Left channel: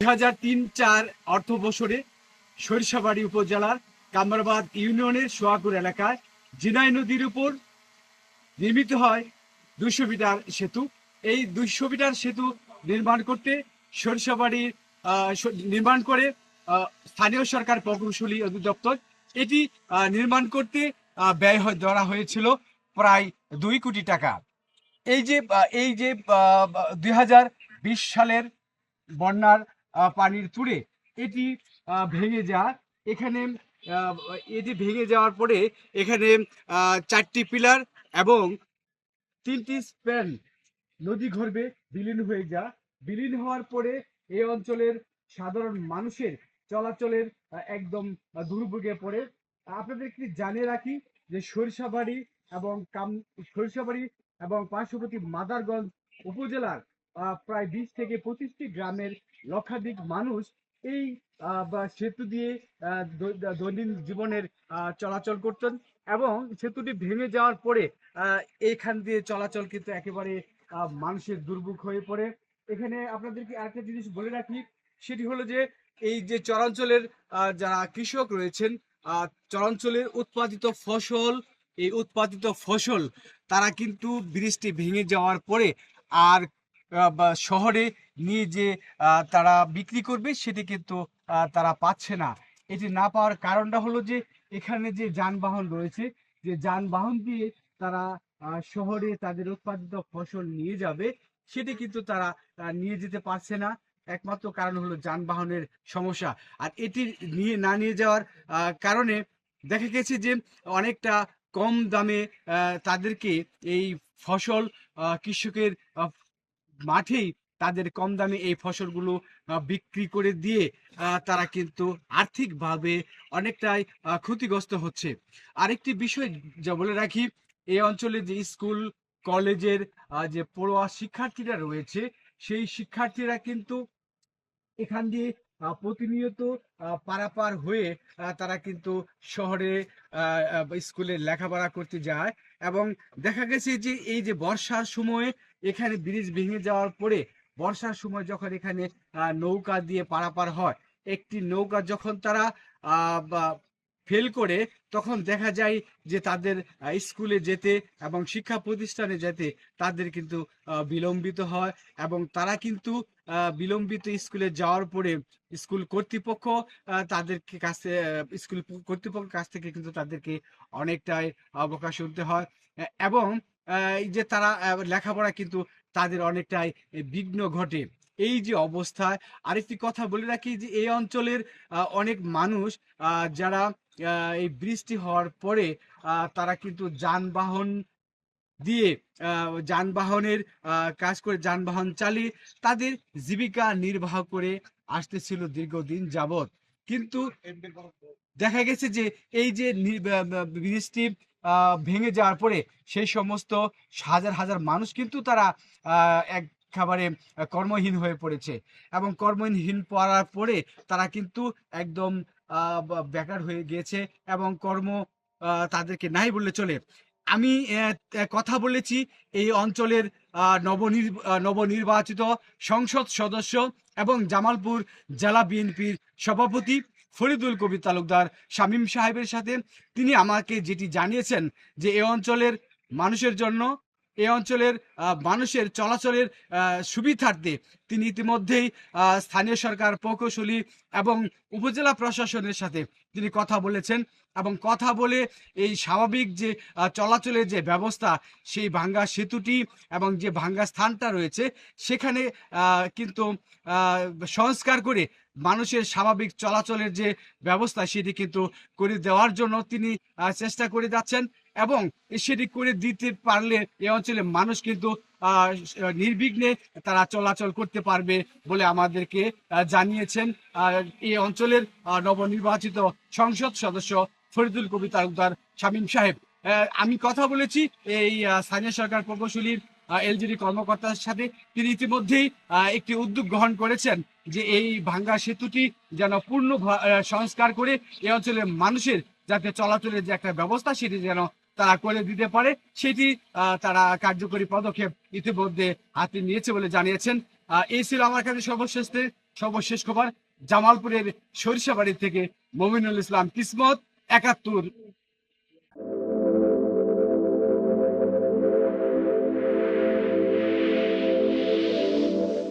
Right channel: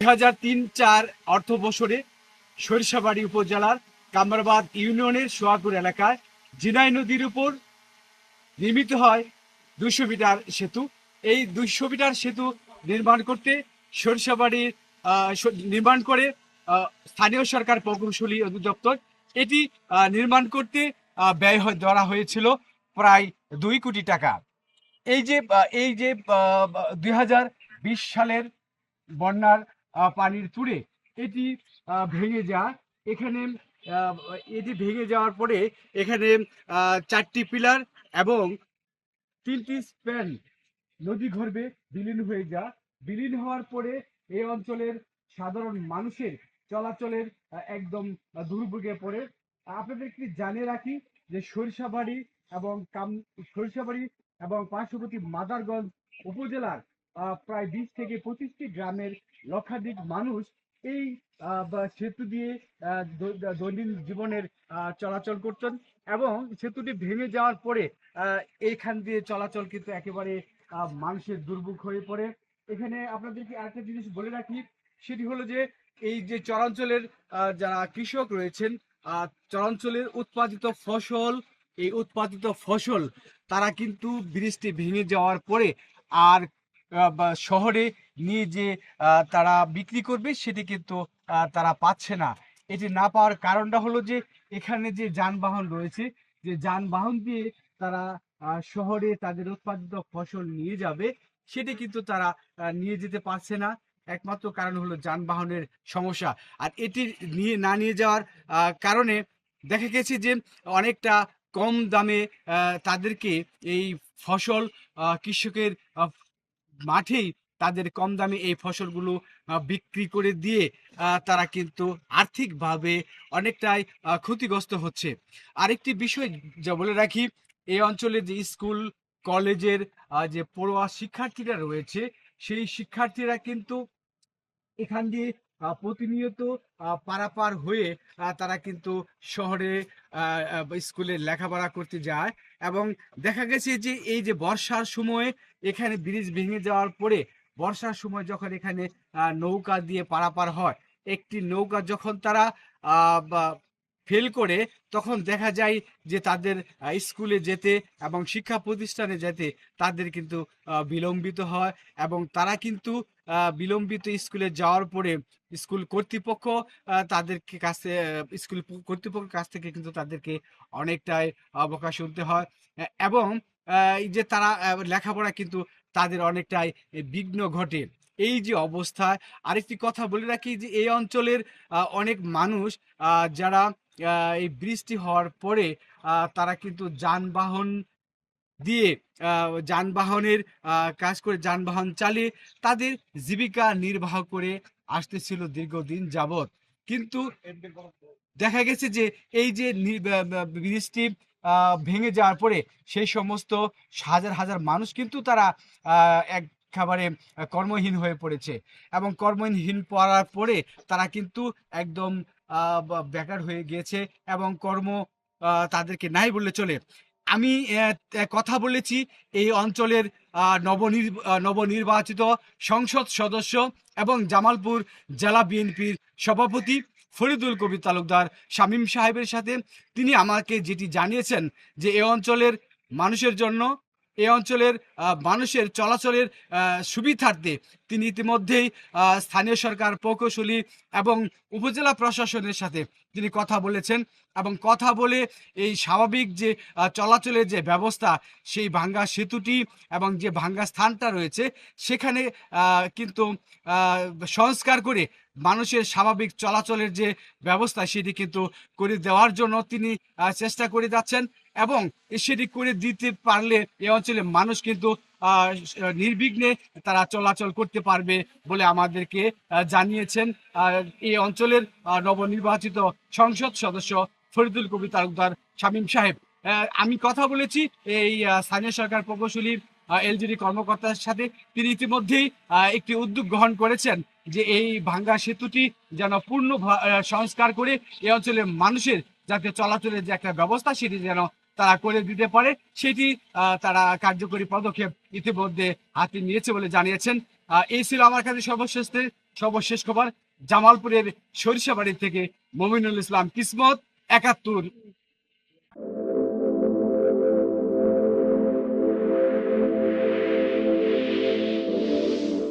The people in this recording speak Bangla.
2003-04 অর্থ বছরে সরিষাবাড়ী উপজেলার কামরাবাদ ইউনিয়নের সোয়াকুর এলাকায় জিনাই নদীর উপর নির্মিত হয় 200 মিটার সেতু। এই 200 মিটার সেতু নির্মাণ করতে সরিষাবাড়ির নির্মাণ করে স্থানীয় সরকার প্রকৌশলী অধিদপ্তর। এটি নির্মাণ করতে ব্যয় ধরা হয়েছিল প্রায় 2 কোটি টাকা। এই যে 2020 সালের বন্যার পানির তুড়ে এটি ভেঙে যায়। এখানে আহ, এটি ভেঙে যাওয়ার পরে এখানে 4টি পিলার এবং 3টি স্প্যান নদী গর্ভে বিলীন হয়ে যায়। বিলীন হওয়ার পরে এই অঞ্চলের সাধারণ মানুষের চলাচলের একদম দুর্ভোগে পড়ে। আপনাদের কি জানিয়ে রাখি যে সরিষাবাড়ি এবং পার্শ্ববর্তী মাদারগঞ্জ উপজেলার প্রায় 20 থেকে 25টি গ্রামের লক্ষাধিক মানুষ এই সেতু দিয়ে দৈনন্দিন জীবনের চলাচল করতেন, এবং সেতুটি ভেঙে যাওয়ার পরে এইখান দিয়ে চলাচল কিন্তু একেবারে মানুষের দুর্ভোগ হয়ে পড়ে। এখানে আপনাদেরকে আরেকটা জিনিস বলে রাখি, সেটি হলো যে এই যে চরাঞ্চলের যারা কৃষক রয়েছেন, চরাঞ্চলের উৎপাদিত ফসল তারা কিন্তু বৃষ্টি ভেঙে যাওয়ার পরে আর বা শহরে নিয়ে যে তারা বিক্রি করবে সেটি কিন্তু তারা পাচ্ছে না। এটি না পাওয়ার কারণটা হলো যে এখানে যে যানবাহন রয়েছে, যে যানবাহন দিয়ে তারা শহরে তাদের উৎপাদিত ফসল নিয়ে যাবে, সেটি কিন্তু তারা নিয়ে যেতে পারছে না। একমাত্র কারণ হলো যানবাহনের সমস্যা। আর এটি নিয়ে যাওয়ার কারণে দেখা গেছে যে অনেকটা কম দামে তাদেরকে এই ফসল কৃষকের মাঠেই তাদের কম দামে এই ফসলগুলো বিক্রি করে দিয়ে তারা কিন্তু আর্থিকভাবে অনেকটাই ক্ষতিগ্রস্ত হচ্ছে। আরেকটি বিষয় যা বলে রাখি, এই অঞ্চলে যে স্কুল কলেজের যে পড়ুয়া শিক্ষার্থীরা রয়েছে, সেই শিক্ষার্থীরা কিন্তু এখান দিয়ে প্রতিনিয়ত পারাপার হয়ে তারা কিন্তু শহরে স্কুলে লেখাপড়া করতে যায়। এবং দেখা গেছে যে এই যে বর্ষার সময় এখানে ব্রিজ ভেঙে যাওয়ার পরে বর্ষার সময় যখন এখানে নৌকা দিয়ে পারাপার হয়, একটি নৌকা যখন তারা ফেল করে, তখন দেখা যায় যে তাদের স্কুলে যেতে এবং শিক্ষা প্রতিষ্ঠানে যেতে তাদের কিন্তু বিলম্বিত হয়। এবং তারা কিন্তু বিলম্বিত স্কুলে যাওয়ার পরে স্কুল কর্তৃপক্ষ তাদেরকে কাছে স্কুল কর্তৃপক্ষের কাছ থেকে কিন্তু তাদেরকে অনেকটাই বকা শুনতে হয়। এবং এই যে তারা লেখাপড়া কিন্তু তাদের অনেকটাই বিঘ্ন ঘটে। এই যে অবস্থা, আরেকটি কথা বলে রাখি যে এই অঞ্চলের অনেক মানুষ যারা এই বৃষ্টি হওয়ার পরে তারা কিন্তু যানবাহনের কাজ করে যানবাহন চালিয়ে তাদের জীবিকা নির্বাহ করে আসতেছিল দীর্ঘদিন যাবৎ। কিন্তু দেখা গেছে যে এই যে বৃষ্টি ভেঙে যাওয়ার পরে সেই সমস্ত হাজার হাজার মানুষ কিন্তু তারা একেবারে কর্মহীন হয়ে পড়েছে। এবং কর্মহীন পড়ার পরে তারা কিন্তু একদম বেকার হয়ে গিয়েছে, এবং তাদেরকে নাই বললে চলে। আমি কথা বলেছি এই অঞ্চলের নবনির্বাচিত সংসদ সদস্য এবং জামালপুর জেলা বিএনপির সভাপতি ফরিদুল কবির তালুকদার শামীম সাহেবের সাথে। তিনি আমাকে যেটি জানিয়েছেন যে এই অঞ্চলের মানুষের চলাচলের সুবিধার্থে তিনি ইতিমধ্যেই স্থানীয় সরকার প্রকৌশলী এবং উপজেলা প্রশাসনের সাথে তিনি কথা বলেছেন, এবং কথা বলে এই স্বাভাবিক যে চলাচলের যে ব্যবস্থা, সেই ভাঙ্গা সেতুটি এবং যে ভাঙ্গা স্থানটা রয়েছে সেখানে কিন্তু সংস্কার করে মানুষের স্বাভাবিক চলাচলের যে ব্যবস্থা সেটি কিন্তু করে দেওয়ার জন্য তিনি চেষ্টা করে যাচ্ছেন। এবং সেটি করে দিতে পারলে এই অঞ্চলের মানুষ কিন্তু নির্বিঘ্নে তারা চলাচল করতে পারবে বলে আমাদেরকে জানিয়েছেন এই অঞ্চলের নবনির্বাচিত সংসদ সদস্য ফরিদুল কবির তালুকদার শামীম সাহেব। আমি কথা বলেছি এই স্থানীয় সরকার প্রকৌশলী এলজিডি কর্মকর্তার সাথে। তিনি ইতিমধ্যেই একটি উদ্যোগ গ্রহণ করেছেন যে এই ভাঙ্গা সেতুটি যেন পূর্ণ সংস্কার করে এই অঞ্চলের মানুষের যাতে চলাচলের যে একটা ব্যবস্থা সেটি যেন তারা করে দিতে পারে, সেটি তারা কার্যকরী পদক্ষেপ ইতিমধ্যে হাতে নিয়েছে বলে জানিয়েছেন। এই ছিল আমার কাছে সর্বশেষ সর্বশেষ খবর জামালপুরের সরিষাবাড়ি থেকে মমিনুল ইসলাম কিসমত, ৭১।